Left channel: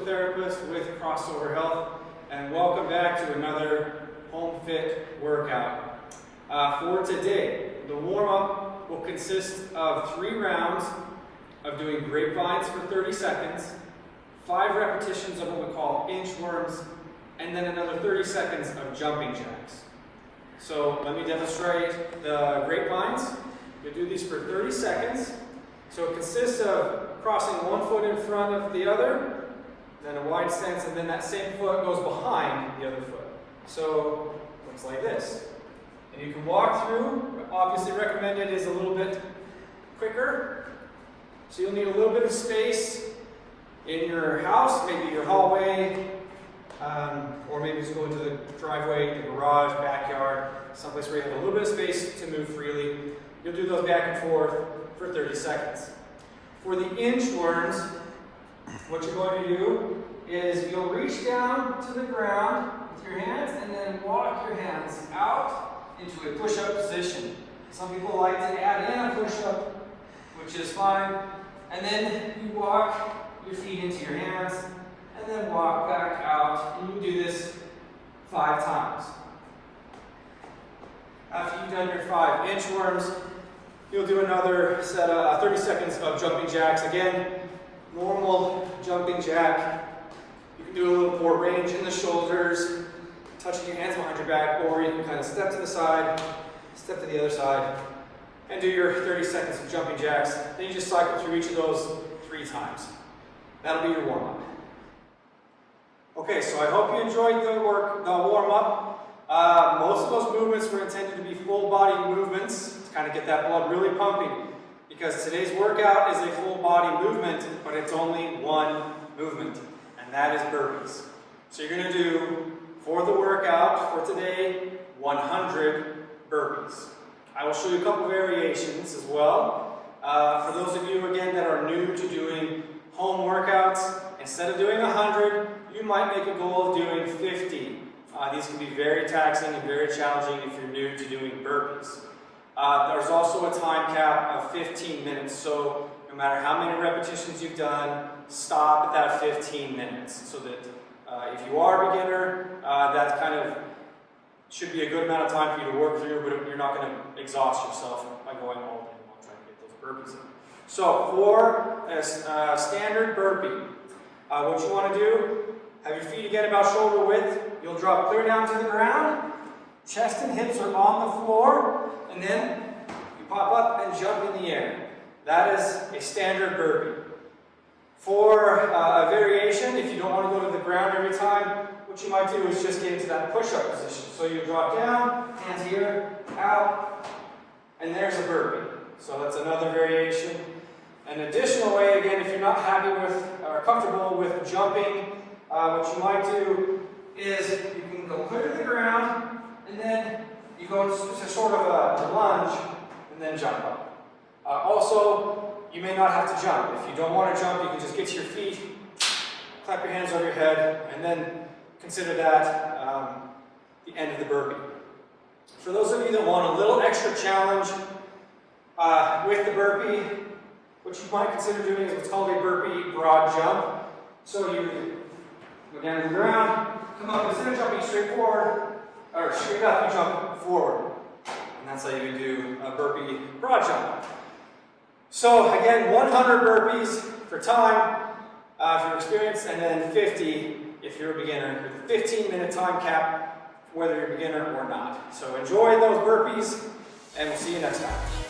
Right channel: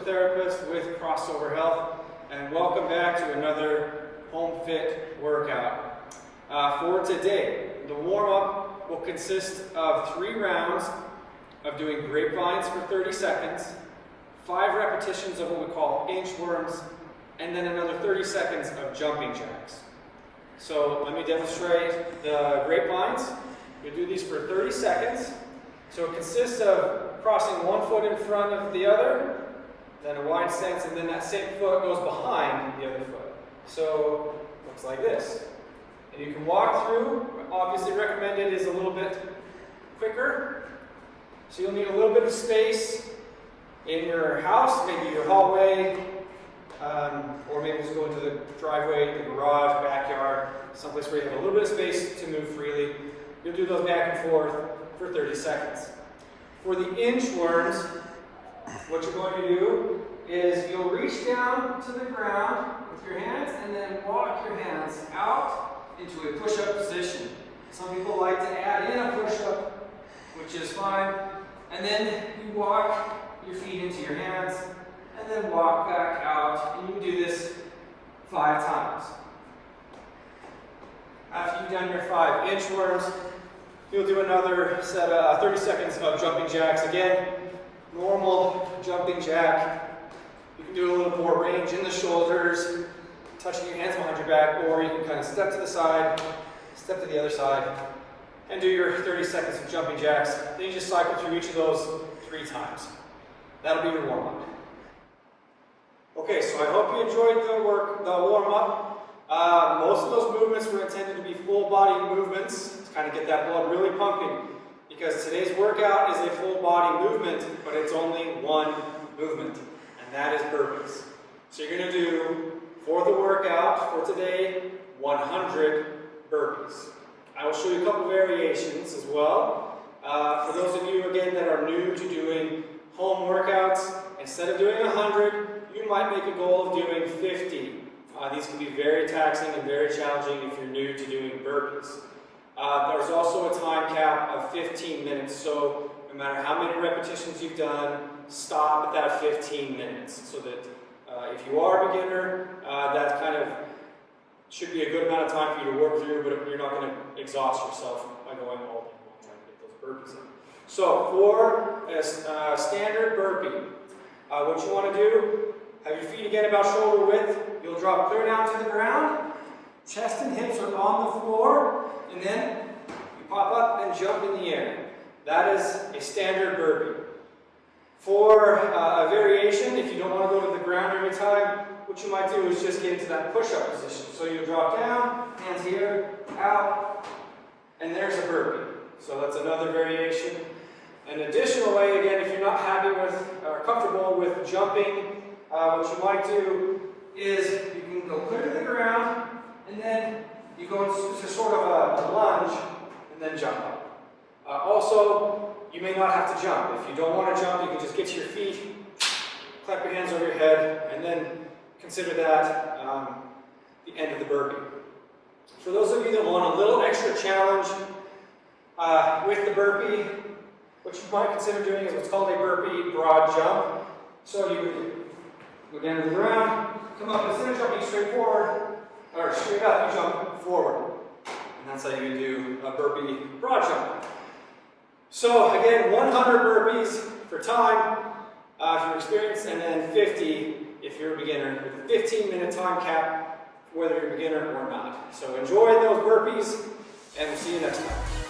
physical therapist with Crossover Health, and welcome back to another Home Fit workout. For today, the warm-up will consist of 3 rounds of doing grapevines for 30 seconds, 5 repetitions of what we call inchworms, and then another 30 seconds of jumping jacks. So let me demonstrate the grapevines. We do these for 30 seconds. So it consists of crossing one foot in front of the other, then a wide stance, and then that same foot goes behind the other foot. So it looks like this. And you can walk through. Obviously recommended is a little bit quicker. So you'll need a little bit of space in your house, maybe your hallway, or maybe just go into the driveway, the garage, backyard, someplace where you have a little bit of space to move freely. You'll do those back and forth for 30 seconds. For the inchworms, what you're going to do is you'll reach down to the ground with your hands and then walk your hands out into a push-up position. Some people like to add in a push-up, which is fine. And then you walk your feet into your hands and then walk back out. And you do this 5 times. After you've done your 5 inchworms, you'll do another set of 30 seconds of jumping jacks. Again, normal jumping jack. You can do a little more range in the shoulders, touching your hands behind your back, or you can kind of step to the side, step to the other side, and do your 30 seconds of jumping jacks. Then you just cycle through each of those 3 times. That'll be your warm-up. Okay, so I hope you enjoyed the warm-up. Most of those movements were intended to be full body movements to kind of get that blood really pumping, because today's workout is a full body movement, but it's only one movement, and that is burpees. So you're going to do, for the workout for today, 100 burpees. I will show you a couple variations as well. For those of you, again, that are new to doing home workouts, instead of doing 100, you might make a goal of doing 50. These can be very taxing and very challenging if you're new to doing burpees. There's also a time cap of 15 minutes, so no matter how many repetitions you've done, stop at that 15 minutes, so that if you are a beginner, that kind of should be a good amount of time for you to work through, but you're not going to exhaust yourself by going all day long trying to get those burpees in. So for a standard burpee, what you want to do, have your feet again about shoulder width. You'll drop clear down to the ground. Chest and hips are on the floor. And then you pop up and jump in the air. That is a standard burpee. For a variation, if you don't want to go to the ground every time, what you might do is just get into that push-up position. So you drop down, hands here, out, and there's a burpee. So that's another variation. An additional way, again, if you're not happy with or comfortable with jumping, what you might do is you can go clear to the ground, and then you go into sort of a lunge, and then jump up. Also, you may not have to jump. If you don't want to jump, you can just get to your feet, clap your hands over your head, and then consider that the end of the burpee. For those of you that want a little extra challenge with the burpee, what you might consider doing is what's called a burpee broad jump. So you go down to the ground, come up, instead of jumping straight forward, or straight up, you jump forward. And that's how you do a burpee broad jump. So again, 100 burpees for time, if you're experienced, and then 50 if you're a beginner, with a 15-minute time cap, whether you're a beginner or not. So enjoy those burpees, and we'll see you next time.